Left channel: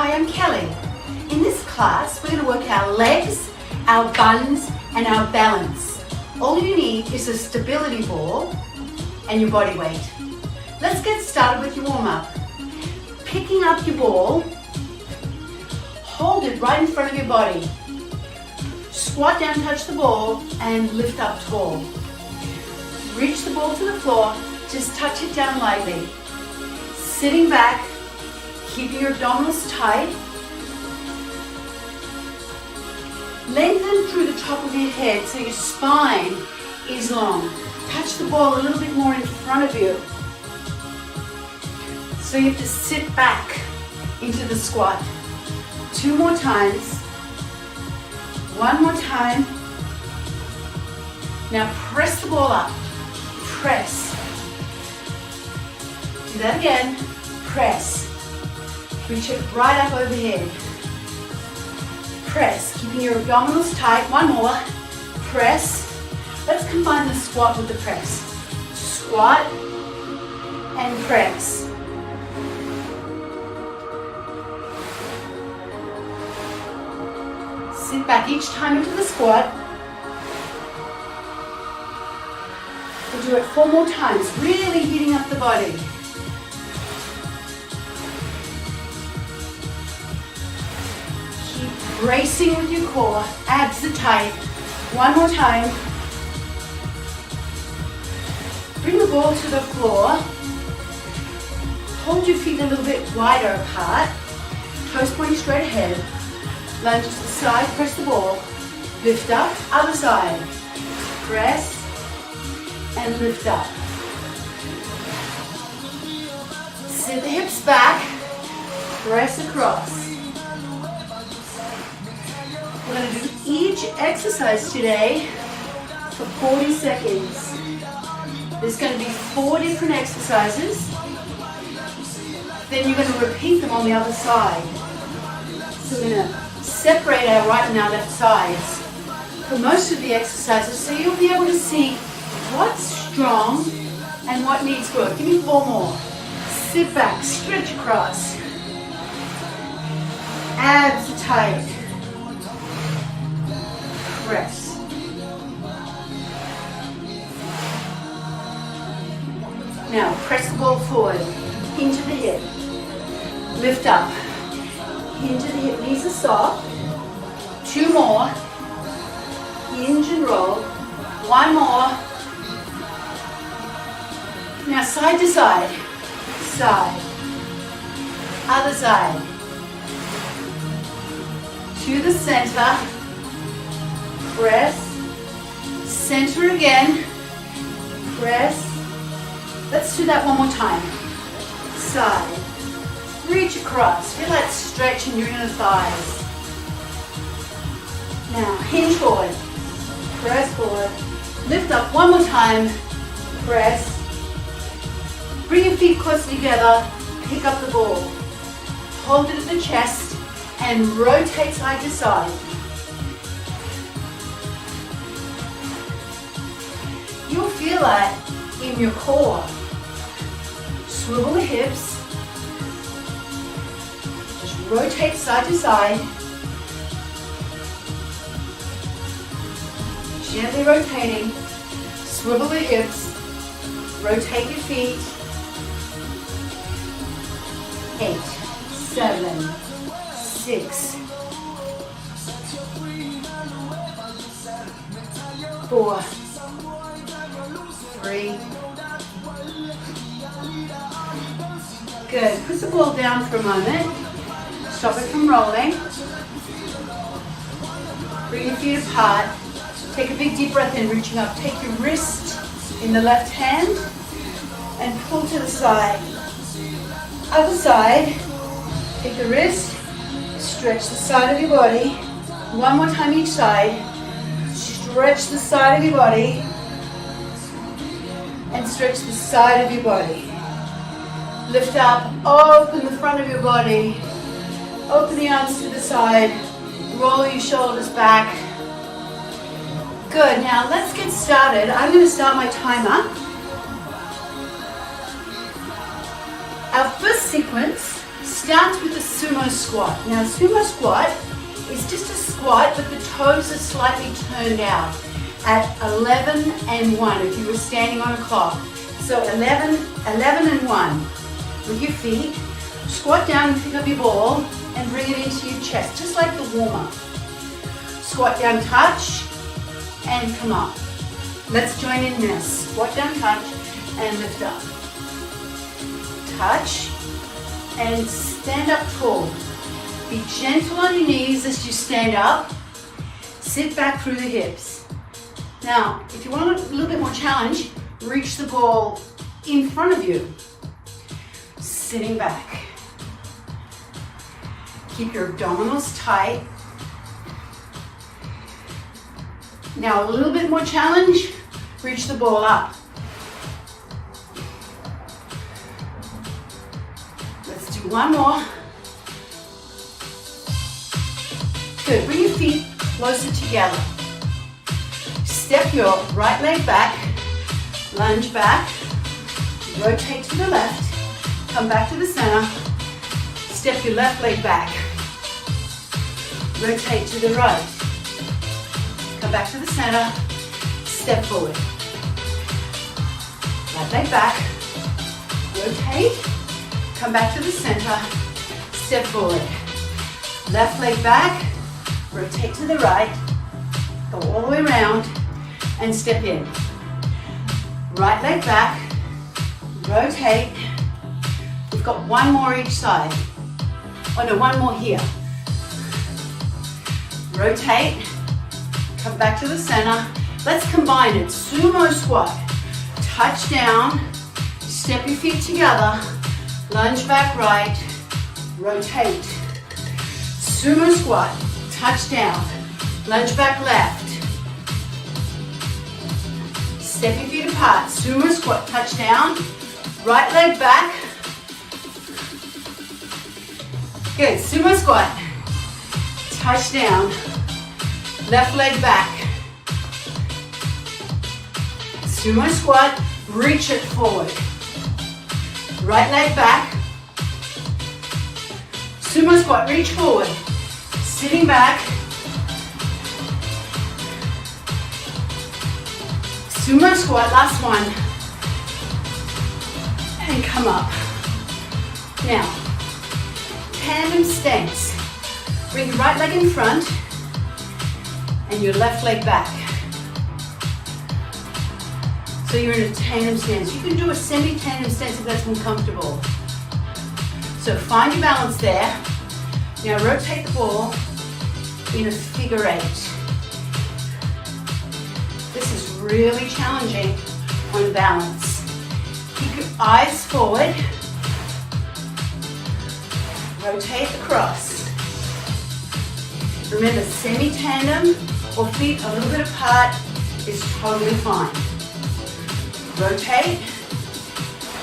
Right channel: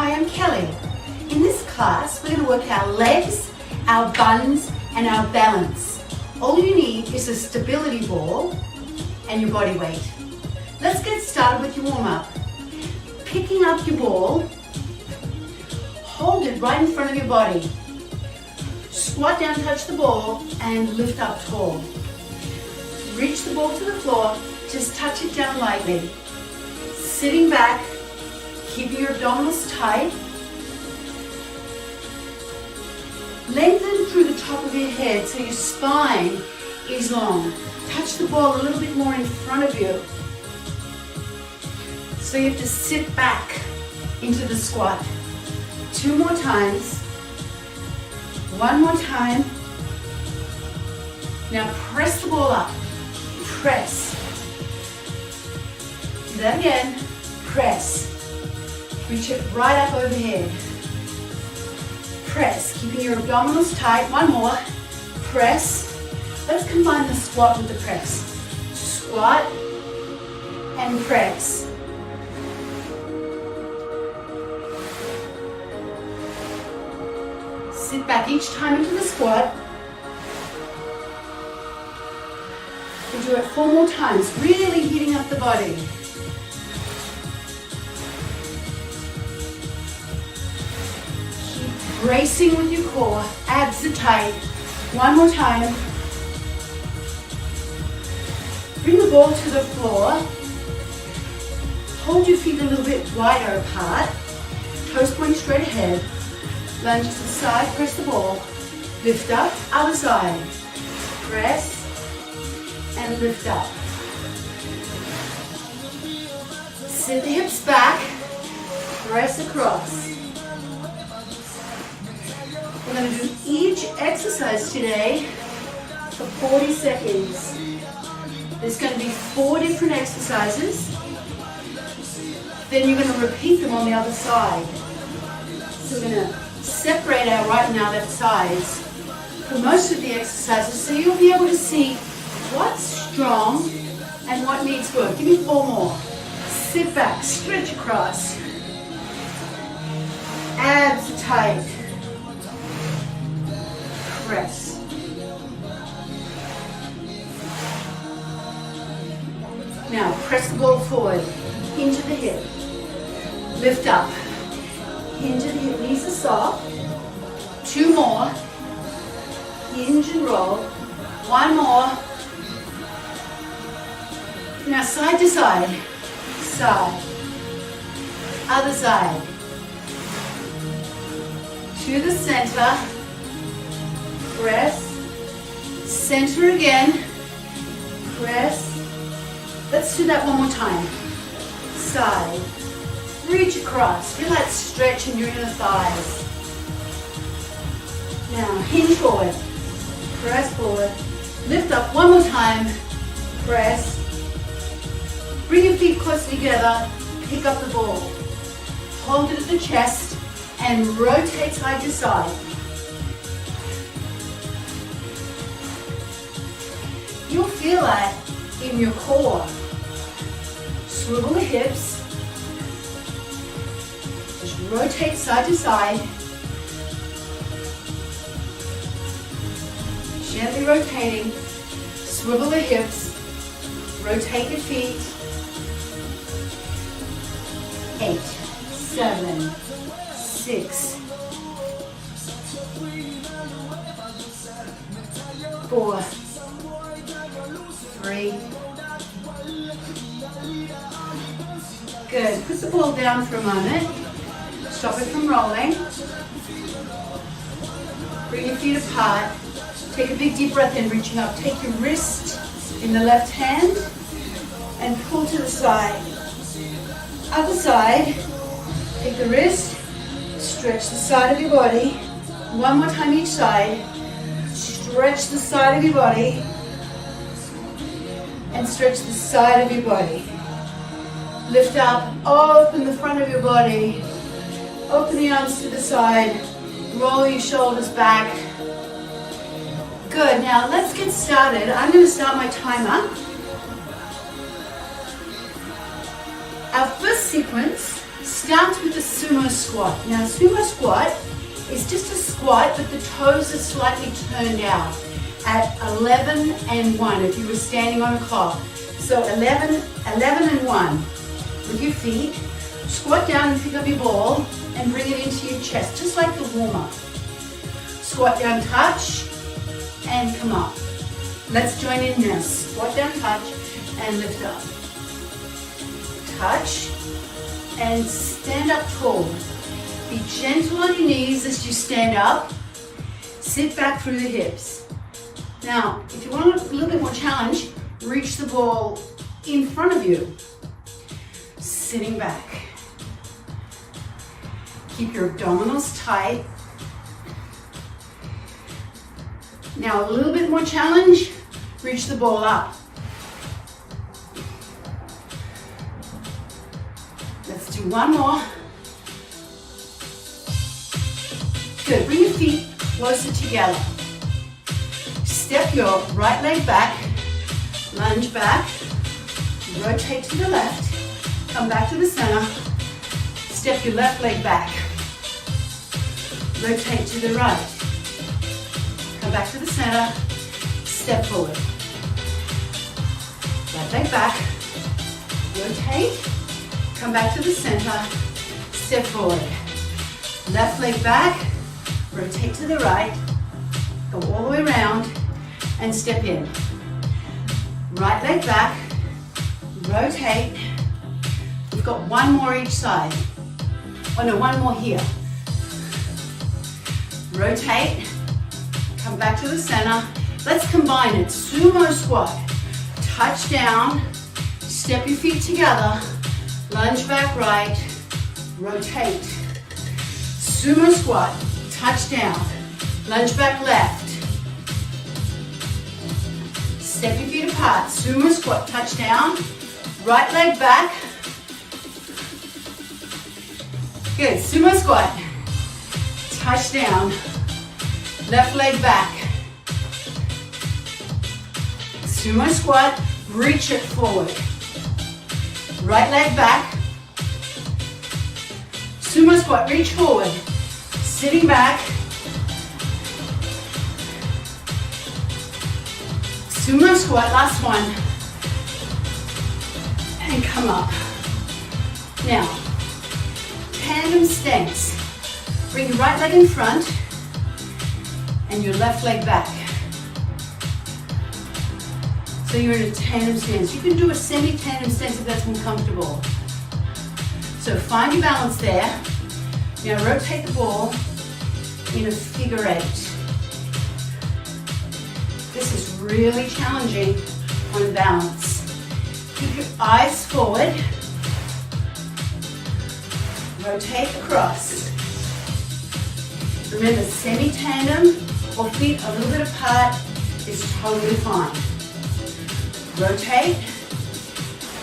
Hi, I'm Kelly. In this class, we're going to work our legs, our buns, and our balance. All you need is a stability ball and your body weight. Let's get started with your warm-up. Picking up your ball, hold it right in front of your body. Squat down, touch the ball, and lift up tall. Reach the ball to the floor, just touch it down lightly. Sitting back, keeping your abdominals tight. Lengthen through the top of your head so your spine is long. Touch the ball a little bit more in front of you. So you have to sit back into the squat. 2 more times. 1 more time. Now press the ball up. Press. Do that again. Press. Reach it right up overhead. Press. Keeping your abdominals tight. 1 more. Press. Let's combine the squat with the press. Squat and press. Sit back each time into the squat. And do it 4 more times, really heating up the body. Keep bracing with your core, abs are tight. 1 more time. Bring the ball to the floor. Hold your feet a little bit wider apart. Toes pointing straight ahead. Lunge to the side, press the ball. Lift up, other side. Press and lift up. Sit the hips back, press across. We're going to do each exercise today for 40 seconds. There's going to be 4 different exercises. Then you're going to repeat them on the other side. So we're going to separate our right and our left sides for most of the exercises so you'll be able to see what's strong and what needs work. Give me 4 more. Sit back, stretch across. Abs are tight. Press. Now press the ball forward, into the hip. Lift up. Into the hip, knees are soft. 2 more. Hinge and roll. 1 more. Now side to side. Side. Other side. To the center. Press. Center again. Press. Let's do that 1 more time. Side. Reach across. Feel that stretch in your inner thighs. Now hinge forward. Press forward. Lift up 1 more time. Press. Bring your feet close together. Pick up the ball. Hold it at the chest and rotate side to side. You'll feel that in your core. Swivel the hips. Rotate side to side. Gently rotating. Swivel the hips. Rotate your feet. 8, 7, 6, 4, 3. Good. Put the ball down for a moment. Stop it from rolling. Bring your feet apart. Take a big deep breath in, reaching up. Take your wrist in the left hand and pull to the side. Other side. Take the wrist, stretch the side of your body. 1 more time each side. Stretch the side of your body and stretch the side of your body. Lift up, open the front of your body. Open the arms to the side. Roll your shoulders back. Good, now let's get started. I'm going to start my timer. Our first sequence starts with the Sumo Squat. Now, Sumo Squat is just a squat, but the toes are slightly turned out at 11 and 1 if you were standing on a clock. So 11 and 1 with your feet. Squat down and pick up your ball and bring it into your chest, just like the warm-up. Squat down, touch, and come up. Let's join in this. Squat down, touch, and lift up. Touch, and stand up tall. Be gentle on your knees as you stand up. Sit back through the hips. Now, if you want a little bit more challenge, reach the ball in front of you. Sitting back. Keep your abdominals tight. Now, a little bit more challenge, reach the ball up. Let's do one more. Good, bring your feet closer together. Step your right leg back, lunge back, rotate to the left, come back to the center, step your left leg back, rotate to the right, come back to the center, step forward. Right leg back, rotate, come back to the center, step forward. Left leg back, rotate to the right, go all the way around, and step in. Right leg back, rotate. We've got one more each side. Oh no, one more here. Rotate, come back to the center. Let's combine it. Sumo squat. Touch down, step your feet together, lunge back right, rotate. Sumo squat, touch down, lunge back left. Step your feet apart. Sumo squat, touch down, right leg back. Good, sumo squat. Touch down, left leg back. Sumo squat, reach it forward. Right leg back. Sumo squat, reach forward. Sitting back. Sumo squat, last one. And come up. Now, tandem stance. Bring your right leg in front and your left leg back. So you're in a tandem stance. You can do a semi-tandem stance if that's more comfortable. So find your balance there. Now rotate the ball in a figure eight. This is really challenging on balance. Keep your eyes forward. Rotate across. Remember, semi-tandem or feet a little bit apart is totally fine. Rotate,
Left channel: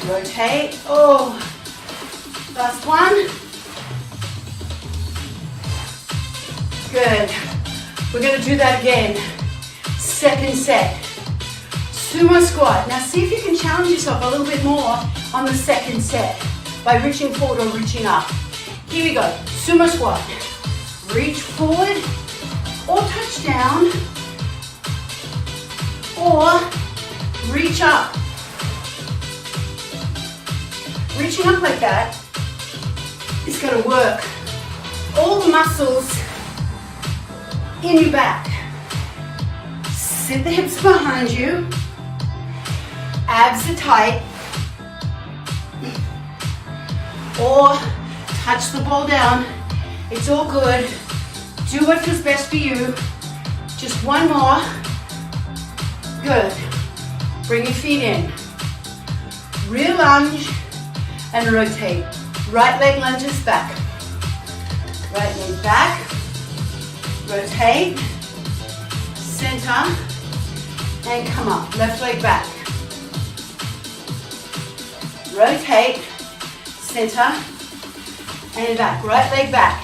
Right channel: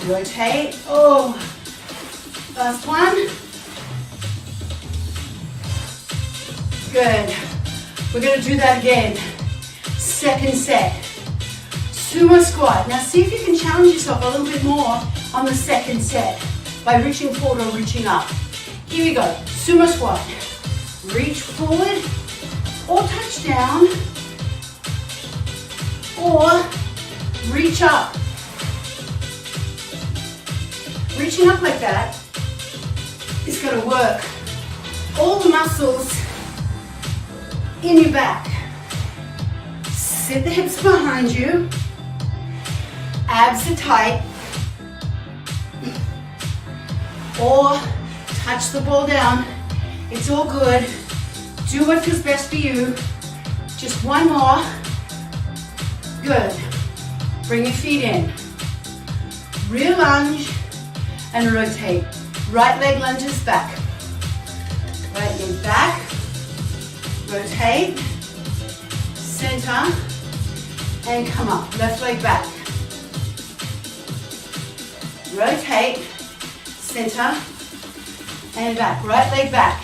rotate. Oh, last one. Good. We're going to do that again. Second set. Sumo squat. Now see if you can challenge yourself a little bit more on the second set by reaching forward or reaching up. Here we go. Sumo squat. Reach forward or touch down or reach up. Reaching up like that is going to work all the muscles in your back. Sit the hips behind you. Abs are tight. Or touch the ball down. It's all good. Do what feels best for you. Just one more. Good. Bring your feet in. Rear lunge and rotate. Right leg lunges back. Right leg back. Rotate. Center. And come up. Left leg back. Rotate. Center. And back. Right leg back.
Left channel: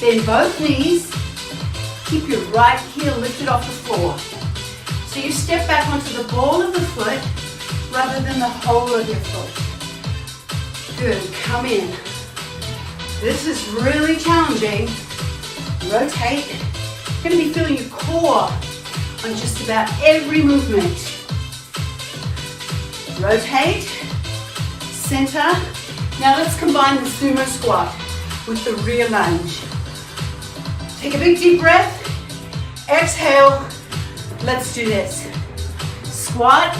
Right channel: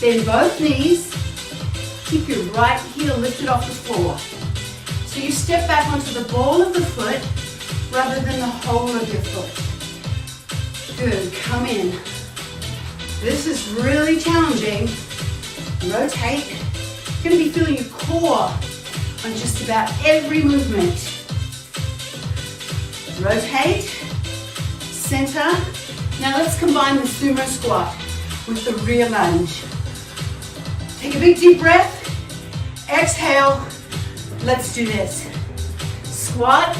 Bend both knees. Keep your right heel lifted off the floor. So you step back onto the ball of the foot rather than the whole of your foot. Good, come in. This is really challenging. Rotate. You're going to be feeling your core on just about every movement. Rotate, center. Now let's combine the Sumo Squat with the rear lunge. Take a big deep breath. Exhale. Let's do this. Squat.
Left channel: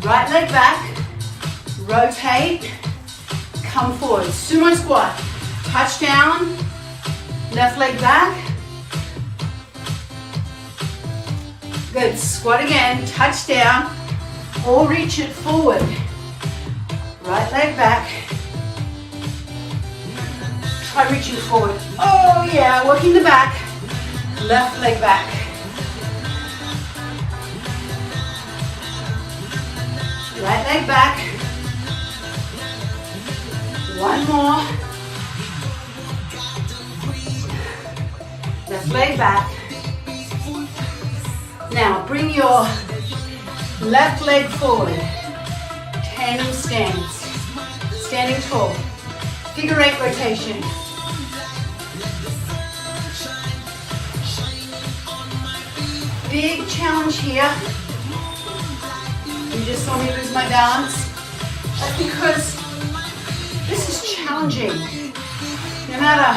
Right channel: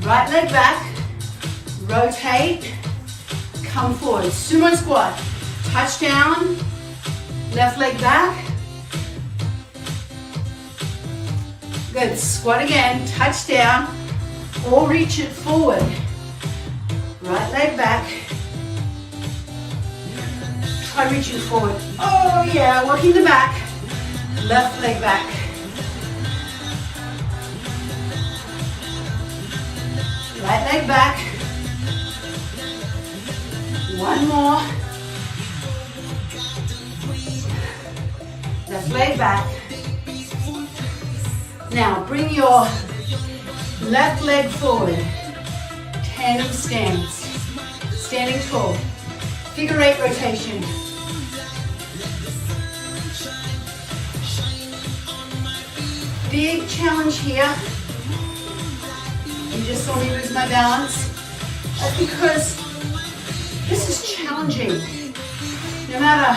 Right leg back. Rotate. Come forward. Sumo Squat. Touch down. Left leg back. Good. Squat again. Touch down. Or reach it forward. Right leg back. Try reaching forward. Oh yeah, working the back. Left leg back. Right leg back. One more. Left leg back. Now bring your left leg forward. Tandem stance. Standing tall. Figure 8 rotation. Big challenge here. You just saw me lose my balance. That's because this is challenging. No matter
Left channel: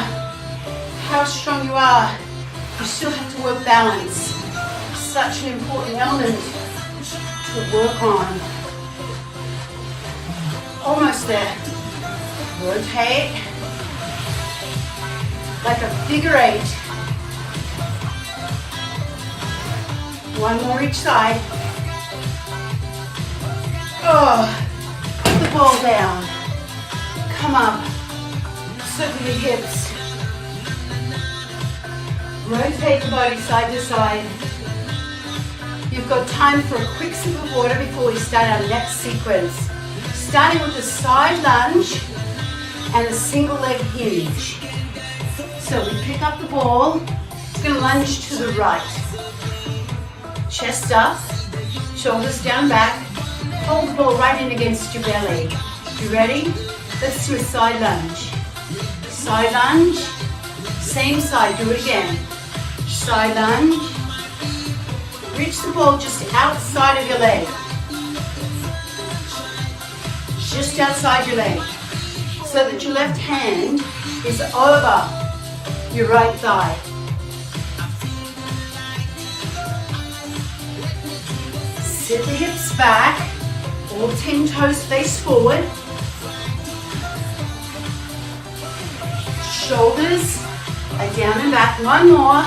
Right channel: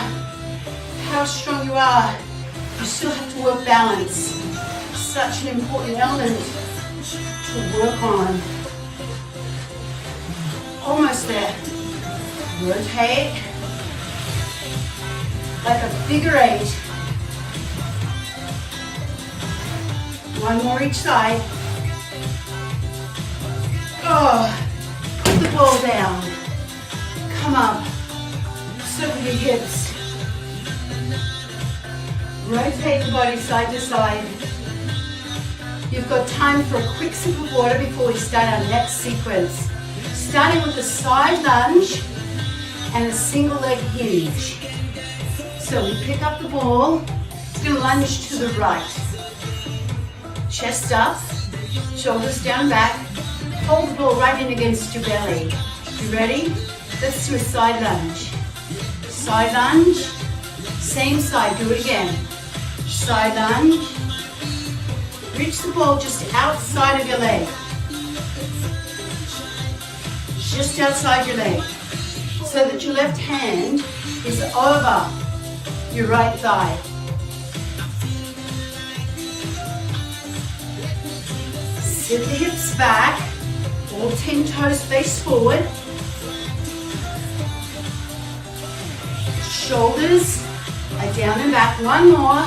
how strong you are, you still have to work balance. Such an important element to work on. Almost there. Rotate. Like a figure 8. One more each side. Oh, put the ball down. Come up. Circle your hips. Rotate the body side to side. You've got time for a quick sip of water before we start our next sequence. Starting with a side lunge and a single leg hinge. So we pick up the ball. It's going to lunge to the right. Chest up, shoulders down back. Hold the ball right in against your belly. You ready? Let's do a side lunge. Side lunge. Same side, do it again. Side lunge. Reach the ball just outside of your leg. Just outside your leg. So that your left hand is over your right thigh. Sit the hips back. All 10 toes face forward. Shoulders are down and back. One more.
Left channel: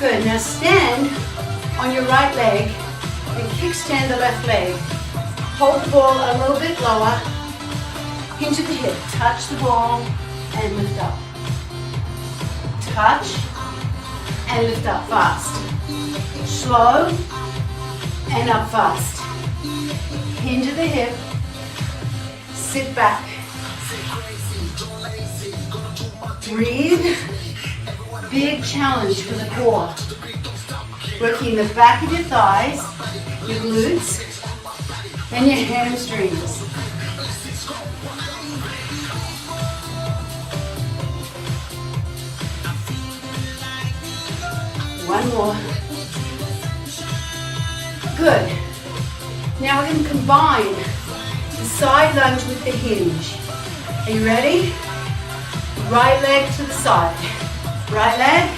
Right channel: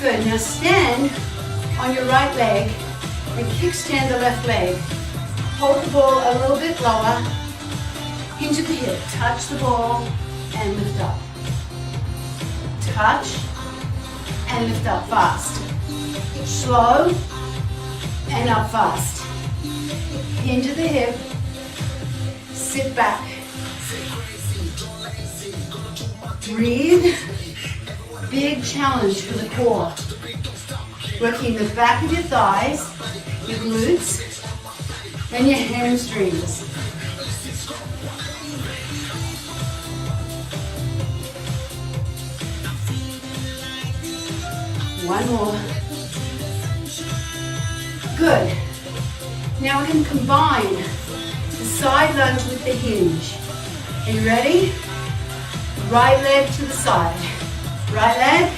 Good. Now stand on your right leg and kickstand the left leg. Hold the ball a little bit lower. Hinge at the hip. Touch the ball and lift up. Touch and lift up fast. Slow and up fast. Hinge at the hip. Sit back. Breathe. Big challenge for the core. Working the back of your thighs, your glutes, and your hamstrings. One more. Good. Now we're going to combine the side lunge with the hinge. Are you ready? Right leg to the side. Right leg.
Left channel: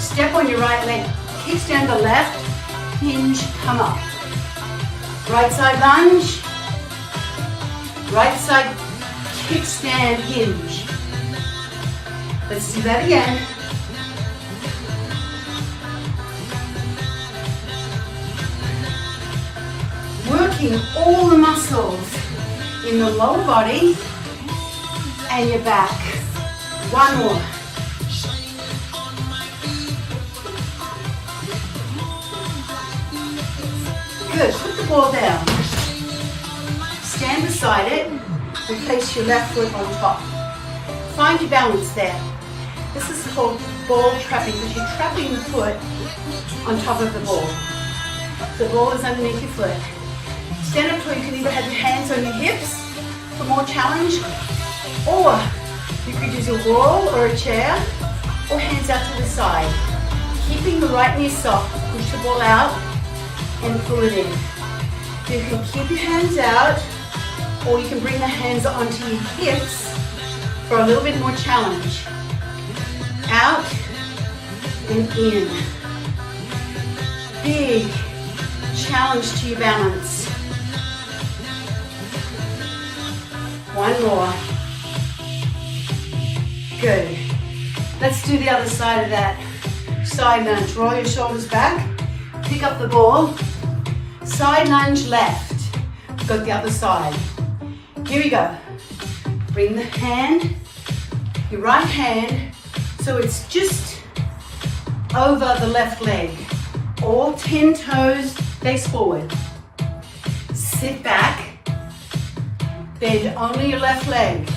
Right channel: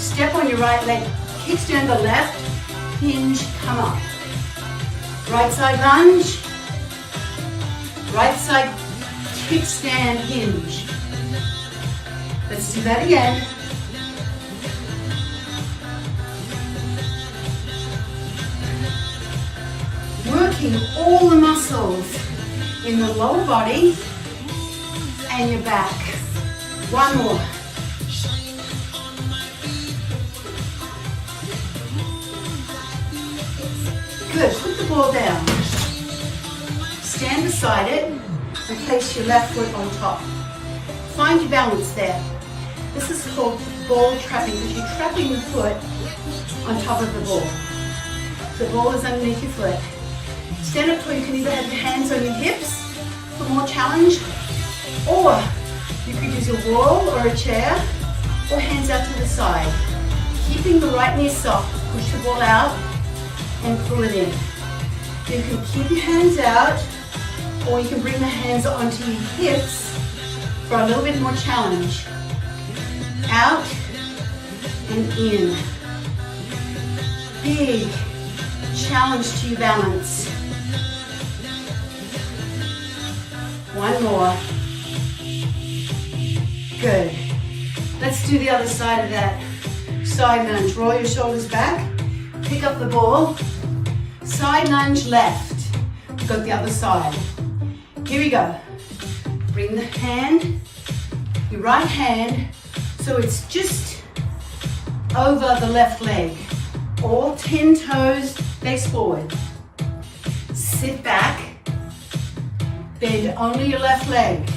Step on your right leg. Kickstand the left. Hinge, come up. Right side lunge. Right side kickstand hinge. Let's do that again. Working all the muscles in the lower body and your back. One more. Good, put the ball down. Stand beside it and place your left foot on top. Find your balance there. This is called ball trapping because you're trapping the foot on top of the ball. The ball is underneath your foot. stand up tall, you can either have your hands on your hips for more challenge, or you could use a wall or a chair, or hands out to the side. Keeping the right knee soft, push the ball out and pull it in. You can keep your hands out, or you can bring the hands onto your hips for a little bit more challenge. Out and in. Big challenge to your balance. One more. Good. Let's do the other side of that. Side lunge. Roll your shoulders back. Pick up the ball. Side lunge left. Go the other side. Here we go. Bring the hand, your right hand, so it's just over the left leg. All 10 toes, face forward. Sit back. Bend only your left leg.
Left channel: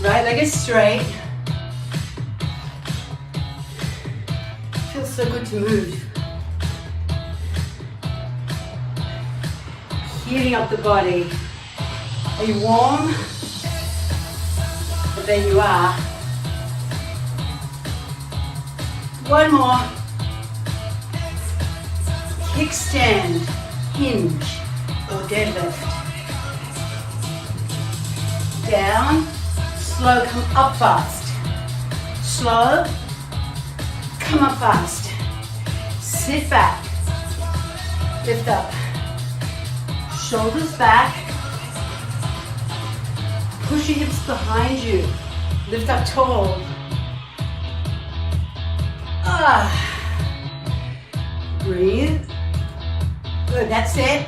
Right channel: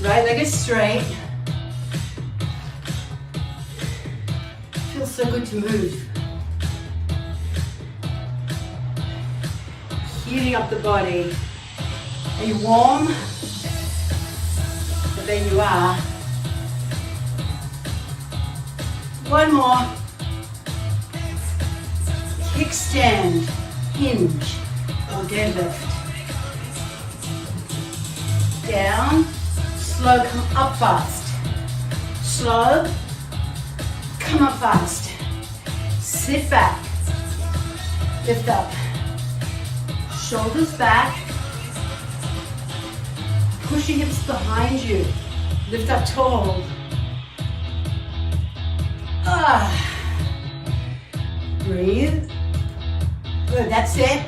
Right leg is straight. Feels so good to move. Heating up the body. Are you warm? But there you are. One more. Kickstand, hinge, or deadlift. Down, slow, come up fast. Slow, come up fast. Sit back, lift up. Shoulders back. Push your hips behind you. Lift up tall. Breathe. Good, that's it.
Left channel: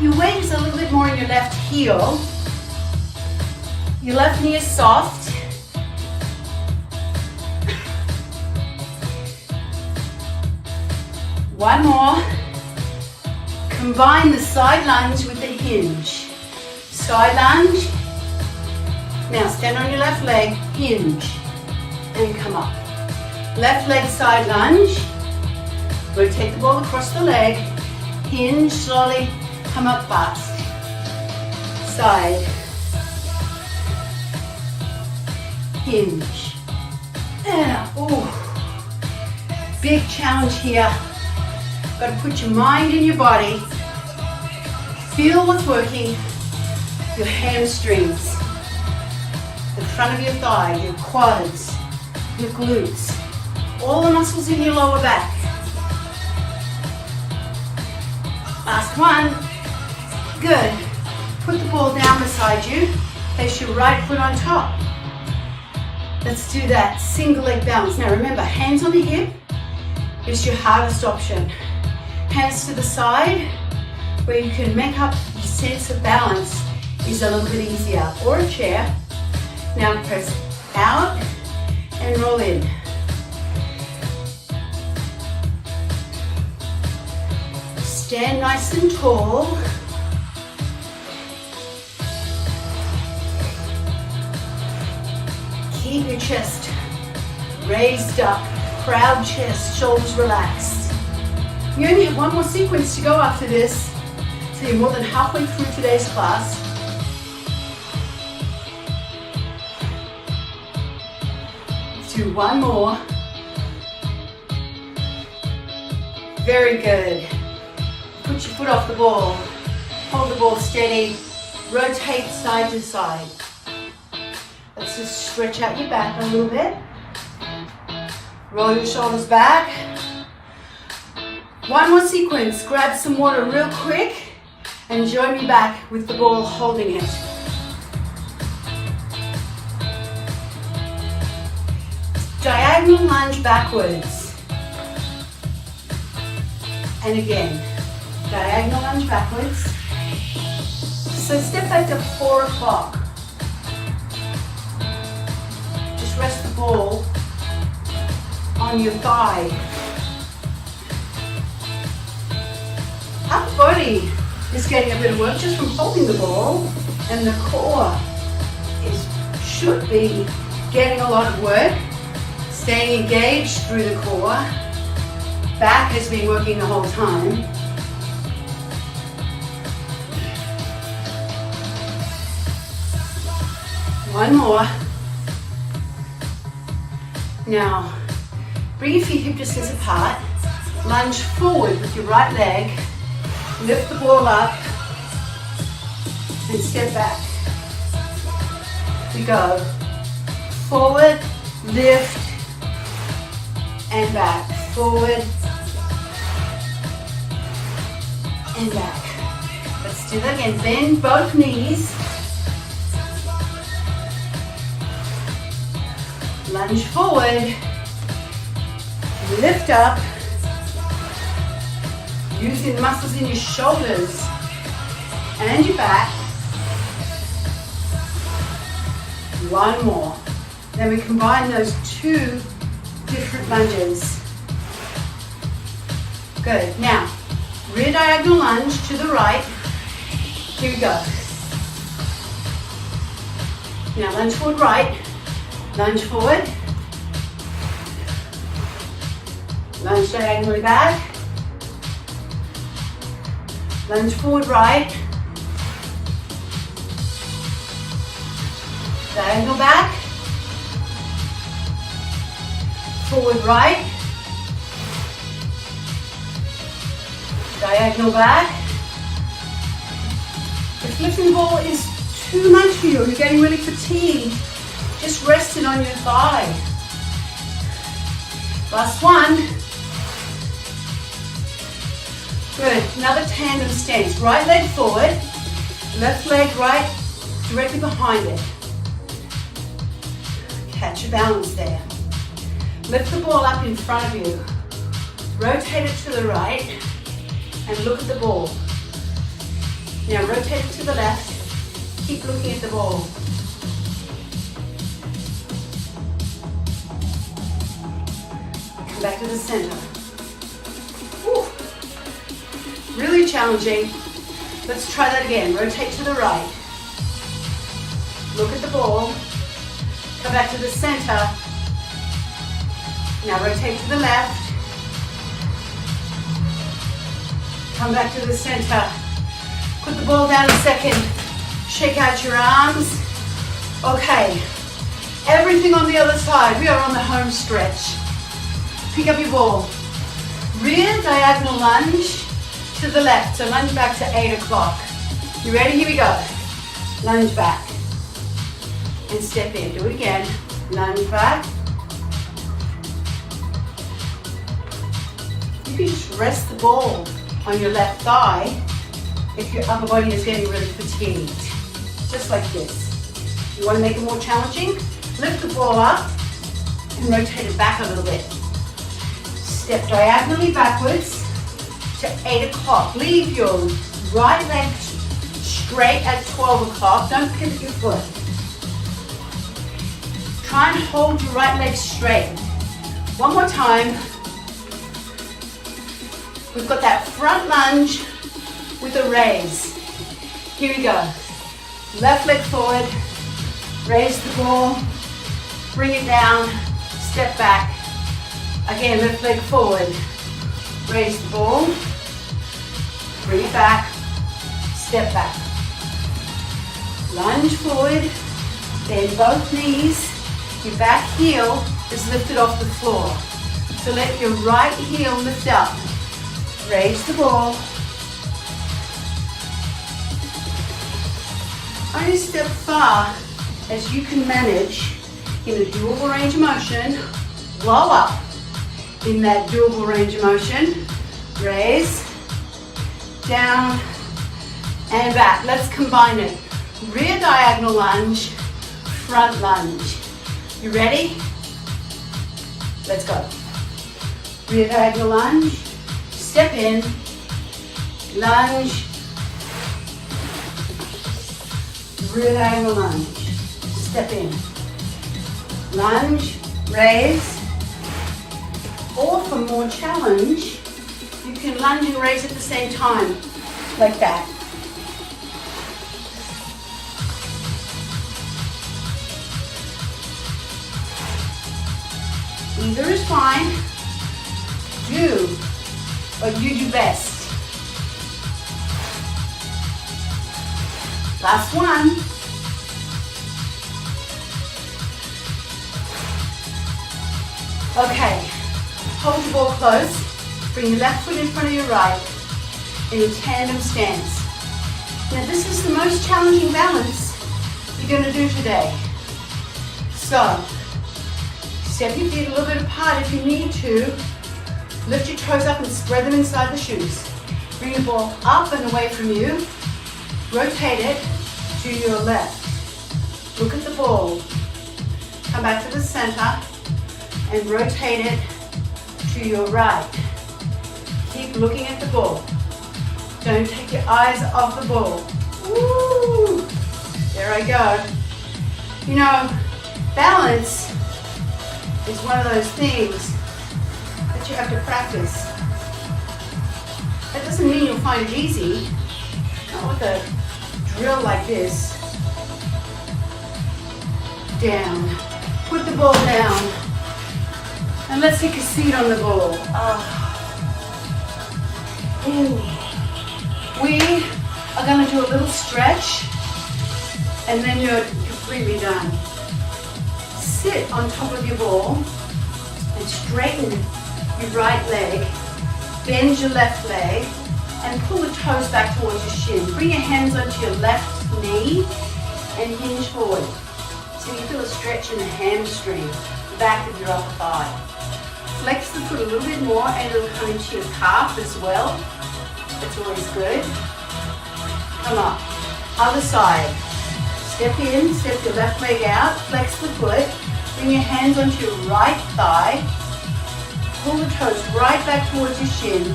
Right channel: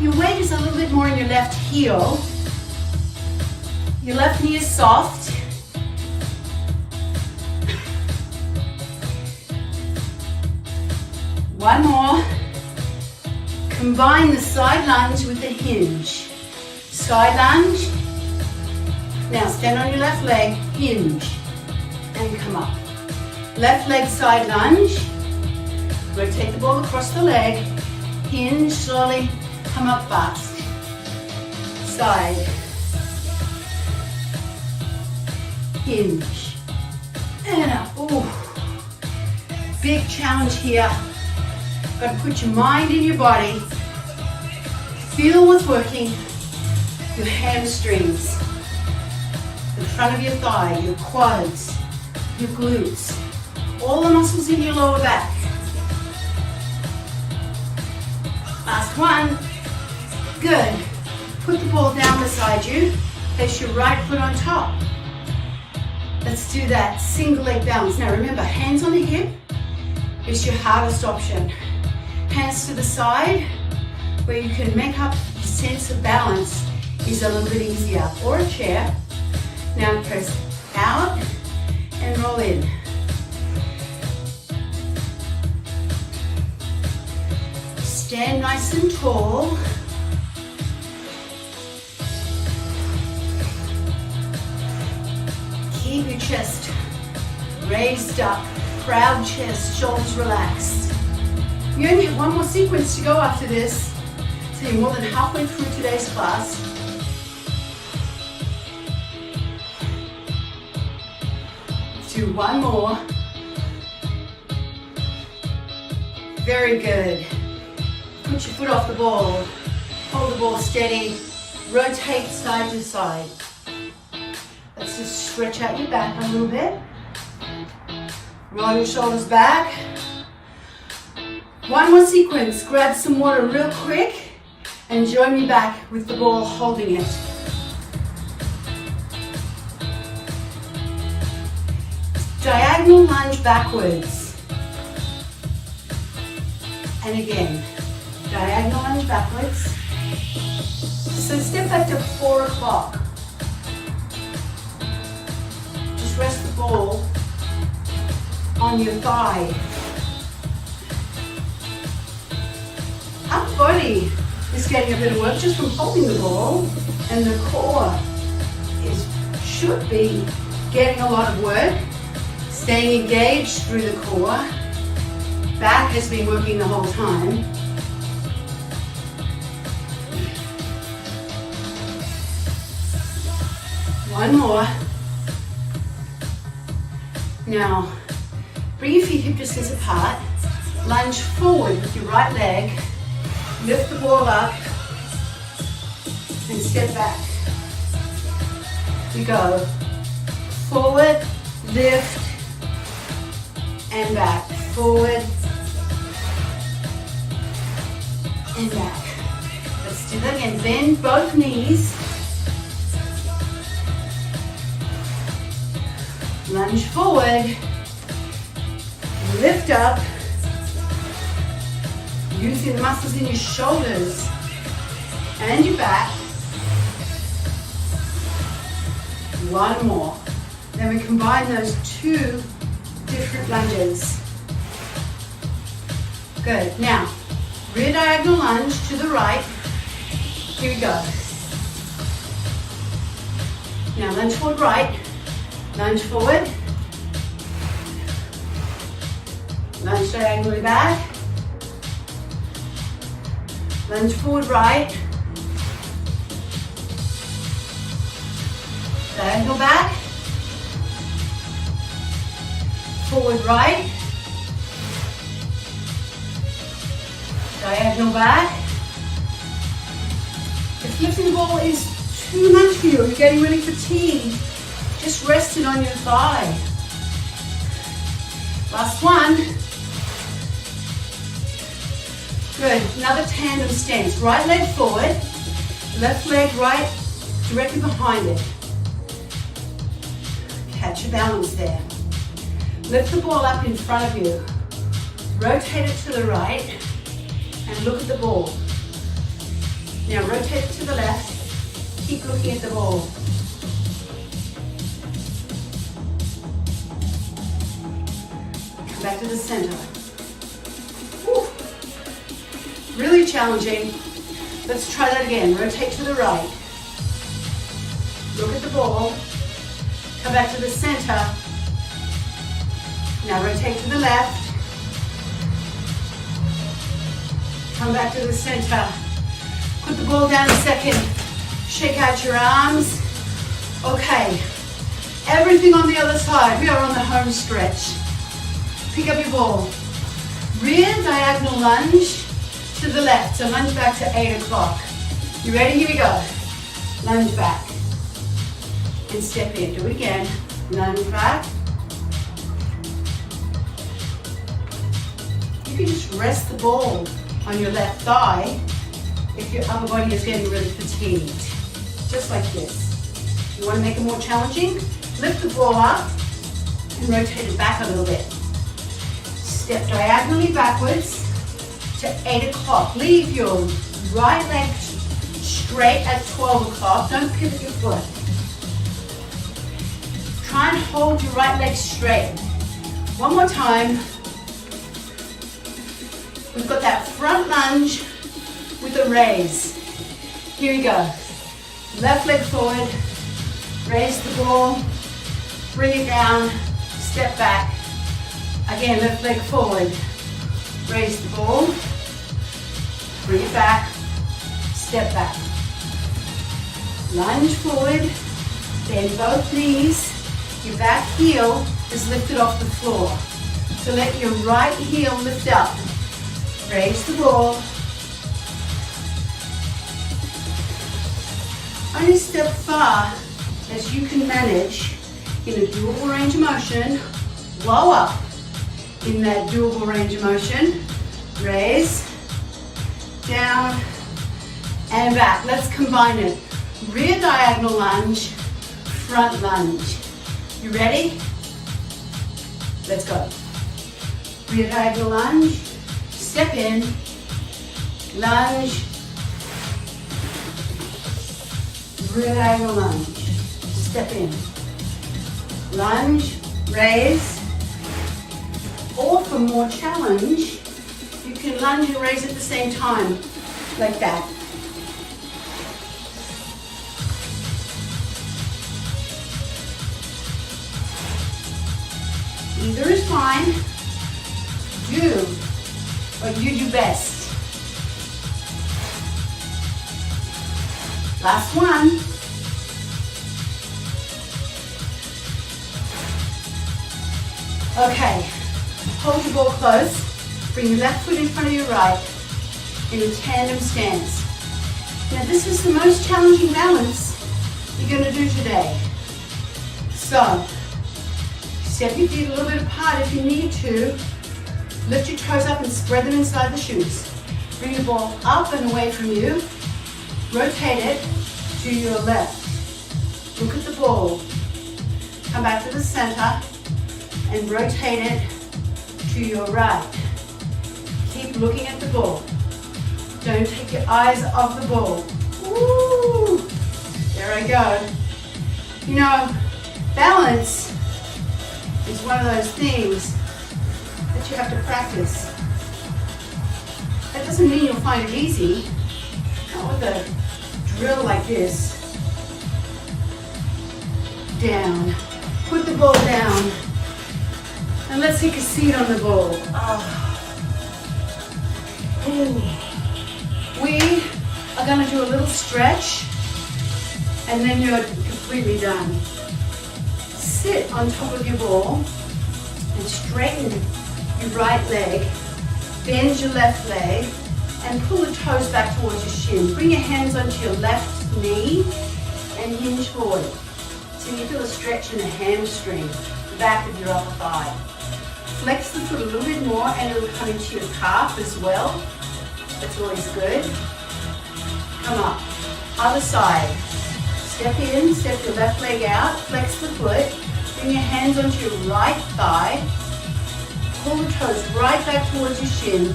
Your weight is a little bit more in your left heel. Your left knee is soft. One more. Combine the side lunge with the hinge. Side lunge. Now stand on your left leg, hinge, and come up. Left leg side lunge. Rotate the ball across the leg. Hinge slowly, come up fast. Side. Hinge. And up. Ooh. Big challenge here. Got to put your mind in your body. Feel what's working. Your hamstrings, the front of your thigh, your quads, your glutes, all the muscles in your lower back. Last one. Good. Put the ball down beside you. Place your right foot on top. Let's do that single leg balance. Now remember, hands on the hip is your hardest option. Hands to the side, where you can make up your sense of balance is a little bit easier, or a chair. Now press out and roll in. Stand nice and tall. Keep your chest raised up, proud chest, shoulders relaxed. You only have one more sequence to go after this, so you're more than halfway through today's class. Do one more. Very good. Put your foot off the ball. Hold the ball steady. Rotate side to side. Let's just stretch out your back a little bit. Roll your shoulders back. One more sequence. Grab some water real quick and join me back with the ball holding it. Diagonal lunge backwards. And again, diagonal lunge backwards. So step back to 4 o'clock. Just rest the ball on your thigh. Upper body is getting a bit of work just from holding the ball, and the core should be getting a lot of work. Staying engaged through the core. Back has been working the whole time. One more. Now, bring your feet hip distance apart. Lunge forward with your right leg. Lift the ball up and step back. You go forward, lift, and back. Forward and back. Let's do that again. Bend both knees. Lunge forward. Lift up. Using the muscles in your shoulders and your back. One more. Then we combine those two different lunges. Good. Now, rear diagonal lunge to the right. Here we go. Now lunge forward right. Lunge forward. Lunge diagonally back. Lunge forward right. Diagonal back. Forward right. Diagonal back. If lifting the ball is too much for you, or you're getting really fatigued, just rest it on your thigh. Last one. Good. Another tandem stance. Right leg forward, left leg right directly behind it. Catch your balance there. Lift the ball up in front of you. Rotate it to the right and look at the ball. Now rotate it to the left. Keep looking at the ball. Come back to the center. Whew. Really challenging. Let's try that again. Rotate to the right. Look at the ball. Come back to the center. Now rotate to the left. Come back to the center. Put the ball down a second. Shake out your arms. Okay. Everything on the other side. We are on the home stretch. Pick up your ball. Rear diagonal lunge to the left. So lunge back to 8 o'clock. You ready? Here we go. Lunge back. And step in. Do it again. Lunge back. You can just rest the ball on your left thigh if your upper body is getting really fatigued. Just like this. You want to make it more challenging? Lift the ball up and rotate it back a little bit. Step diagonally backwards to 8 o'clock. Leave your right leg straight at 12 o'clock. Don't pivot your foot. Try and hold your right leg straight. One more time. We've got that front lunge with a raise. Here we go. Left leg forward, raise the ball, bring it down, step back. Again, left leg forward, raise the ball, bring it back, step back. Lunge forward, bend both knees. Your back heel is lifted off the floor. So let your right heel lift up. Raise the ball. Only step far as you can manage in a doable range of motion. Blow up in that doable range of motion. Raise, down, and back. Let's combine it. Rear diagonal lunge, front lunge. You ready? Let's go. Rear diagonal lunge. Step in, lunge, rear diagonal lunge, step in, lunge, raise, or for more challenge, you can lunge and raise at the same time, like that. Either is fine. Do what you do best. Last one. Okay, hold your ball close. Bring your left foot in front of your right in a tandem stance. Now this is the most challenging balance you're going to do today. So, step your feet a little bit apart if you need to. Lift your toes up and spread them inside the shoes. Bring the ball up and away from you. Rotate it to your left. Look at the ball. Come back to the center and rotate it to your right. Keep looking at the ball. Don't take your eyes off the ball. Woo! There I go. You know, balance is one of those things that you have to practice. That doesn't mean you'll find it easy. Not with a drill like this. Down. Put the ball down. And let's take a seat on the ball. We are going to do a little stretch and then you're completely done. Sit on top of your ball and straighten your right leg, bend your left leg and pull the toes back towards your shin. Bring your hands onto your left knee and hinge forward. So you feel a stretch in the hamstring, the back of your upper thigh. Flex the foot a little bit more and it'll come into your calf as well. That's always good. Come up. Other side. Step in, step your left leg out, flex the foot. Bring your hands onto your right thigh. Pull the toes right back towards your shin.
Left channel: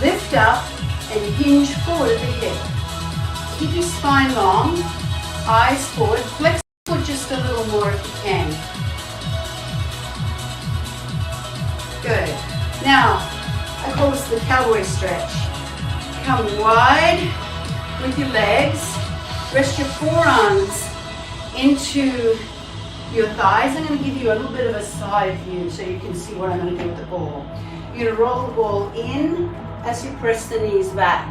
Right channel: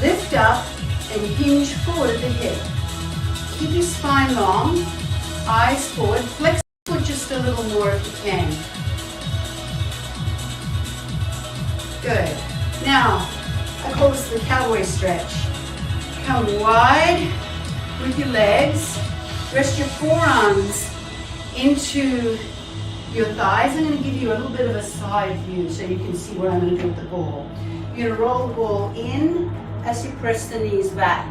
Lift up and hinge forward at the hip. Keep your spine long, eyes forward. Flex the foot just a little more if you can. Good. Now, I call this the cowboy stretch. Come wide with your legs. Rest your forearms into your thighs. I'm going to give you a little bit of a side view so you can see what I'm going to do with the ball. You're going to roll the ball in as you press the knees back.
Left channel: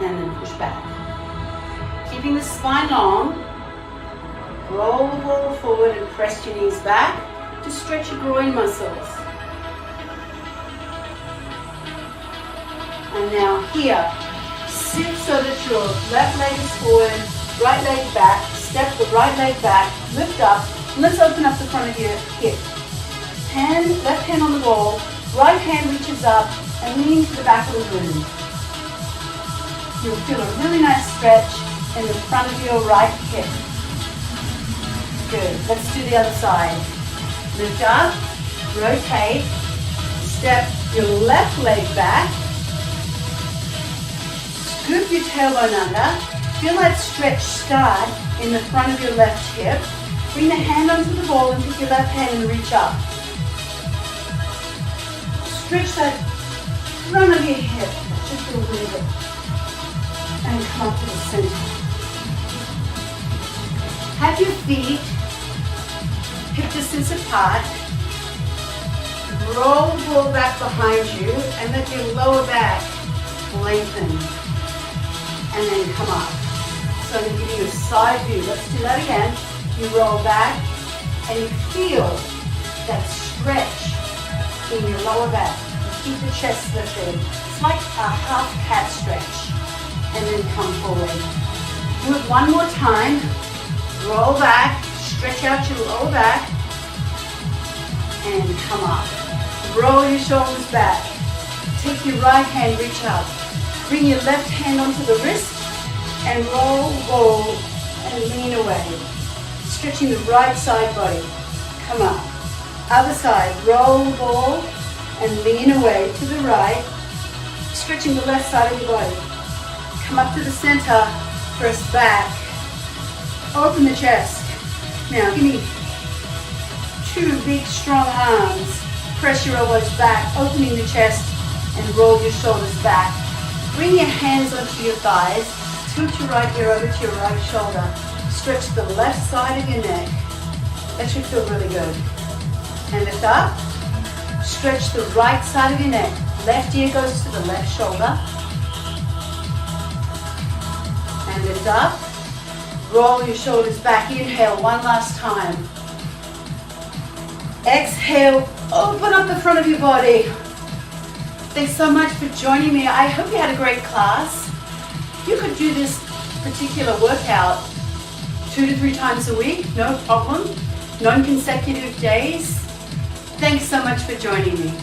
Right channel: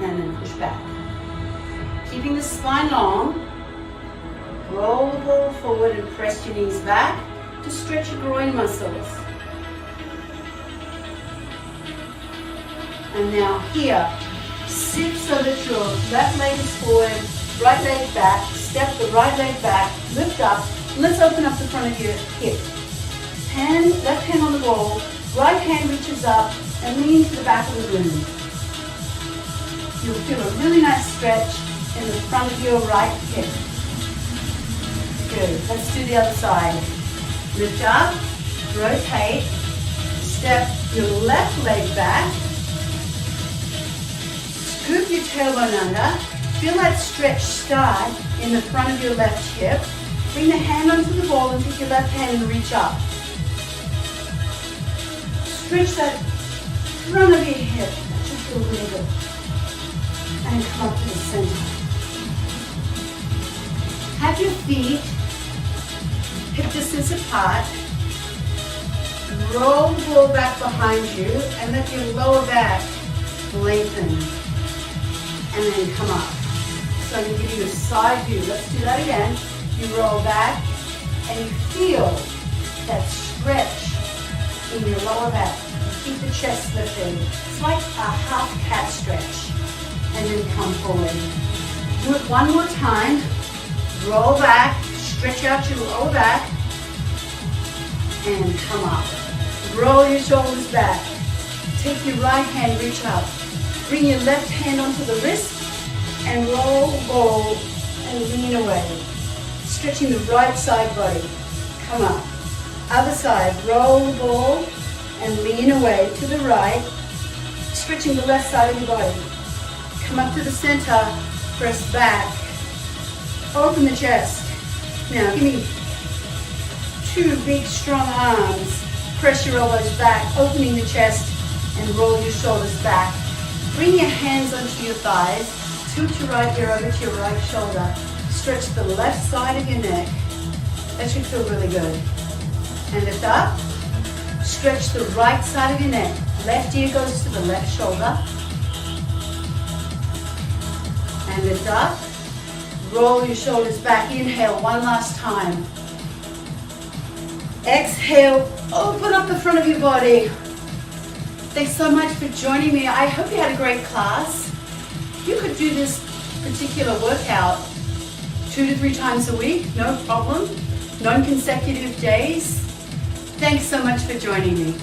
And then push back. Keeping the spine long. Roll the ball forward and press your knees back to stretch your groin muscles. And now here, sit so that your left leg is forward, right leg back, step the right leg back, lift up, and let's open up the front of your hip. Left hand on the ball, right hand reaches up and lean to the back of the room. You'll feel a really nice stretch in the front of your right hip. Good, let's do the other side. Lift up, rotate, step your left leg back, scoop your tailbone under, feel that stretch start in the front of your left hip. Bring the hand onto the ball and take your left hand and reach up. Stretch that front of your hip, just a little bit, and come up to the center. Have your feet hip distance apart. Roll the ball back behind you and let your lower back lengthen. And then come up. So I'm going to give you a side view. Let's do that again. You roll back and you feel that stretch in your lower back. Keep the chest lifted. It's like a half cat stretch. And then come forward. Do it one more time. Roll back. Stretch out your lower back and come up. Roll your shoulders back. Take your right hand, reach up. Bring your left hand onto the wrist and roll the ball and lean away. Stretching the right side body. Come up. Other side, roll the ball and lean away to the right. Stretching the left side of your body. Come up to the center, press back. Open the chest. Now, give me two big, strong arms. Press your elbows back, opening the chest, and roll your shoulders back. Bring your hands onto your thighs. Tilt your right ear over to your right shoulder. Stretch the left side of your neck. That should feel really good. And lift up. Stretch the right side of your neck. Left ear goes to the left shoulder. And lift up. Roll your shoulders back. Inhale one last time. Exhale, open up the front of your body. Thanks so much for joining me. I hope you had a great class. You could do this particular workout 2 to 3 times a week, no problem. Non-consecutive days. Thanks so much for joining me.